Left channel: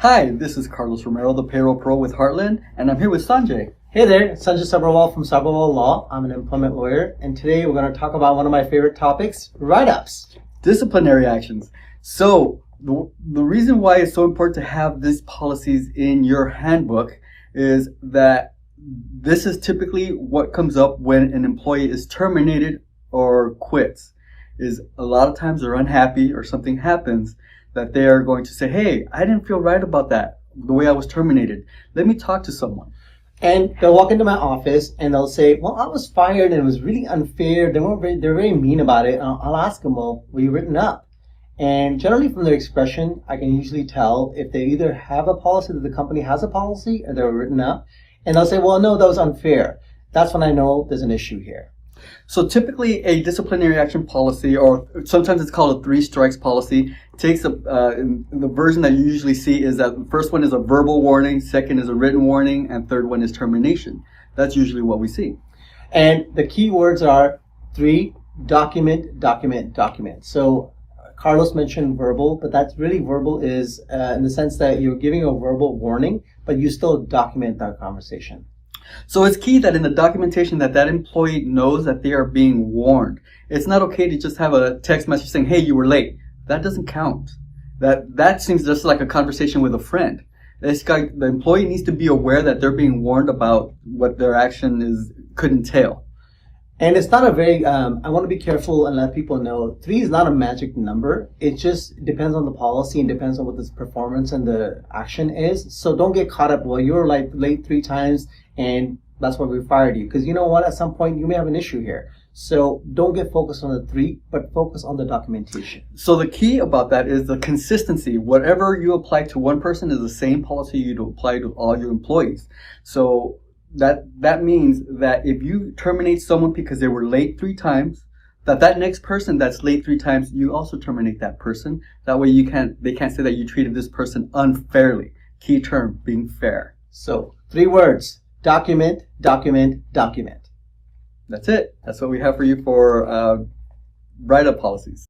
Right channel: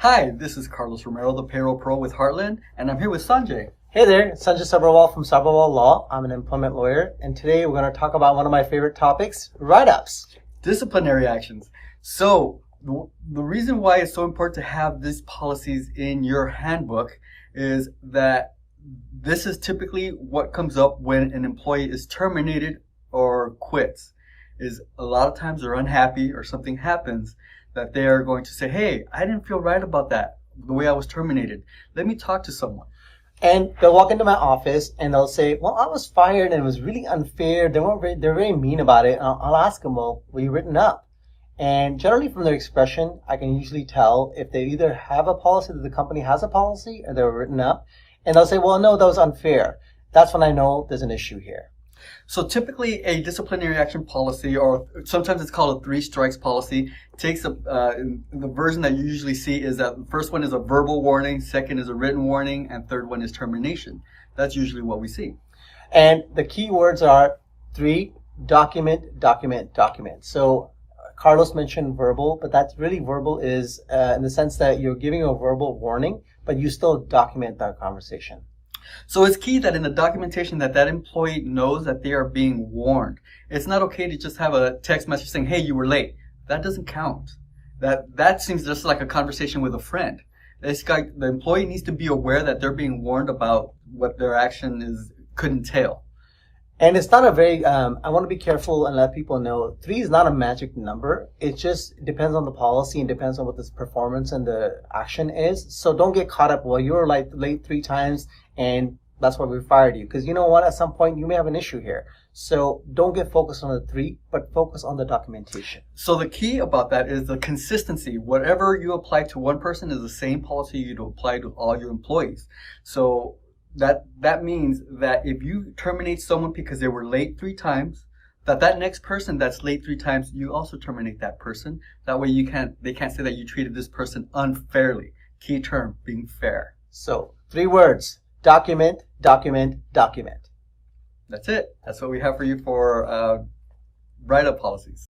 Hi, this is Carlos Romero, the Payroll Pro with Heartland, and I'm here with Sanjay. Hey there, Sanjay Sabarwal from Sabarwal Law. I'm an employment lawyer, and today we're going to talk about one of my favorite topics, write-ups. Disciplinary actions. So, the reason why it's so important to have these policies in your handbook is that this is typically what comes up when an employee is terminated or quits. Is a lot of times they're unhappy or something happens that they are going to say, hey, I didn't feel right about that, the way I was terminated. Let me talk to someone. And they'll walk into my office and they'll say, well, I was fired and it was really unfair. They're very mean about it. I'll ask them, well, were you written up? And generally from their expression, I can usually tell if they either have a policy, that the company has a policy, or they're written up. And they'll say, well, no, that was unfair. That's when I know there's an issue here. So typically a disciplinary action policy, or sometimes it's called a 3 strikes policy, takes the version that you usually see is that the first one is a verbal warning, second is a written warning, and third one is termination. That's usually what we see. And the key words are 3, document, document, document. So Carlos mentioned verbal, but that's really verbal is in the sense that you're giving a verbal warning, but you still document that conversation. So it's key that in the documentation that employee knows that they are being warned. It's not okay to just have a text message saying, hey, you were late. That doesn't count. That seems just like a conversation with a friend. The employee needs to be aware that they're being warned about what their action could entail. And it's not a very, I want to be careful and let people know, 3 is not a magic number. It just depends on the policy and depends on what the performance and the action is. So don't get caught up, well, you were like late 3 times and that's why we fired you. Because you know what, at some point you may have an issue here. So don't get focused on the 3, but focus on the documentation. So the key about that is the consistency. Whatever you apply to one person is the same policy you'd apply to all your employees. So that means that if you terminate someone because they were late 3 times, that next person that's late 3 times, you also terminate that person. That way they can't say that you treated this person unfairly. Key term, being fair. So 3 words, document, document, document. That's it. That's what we have for you for write-up policies.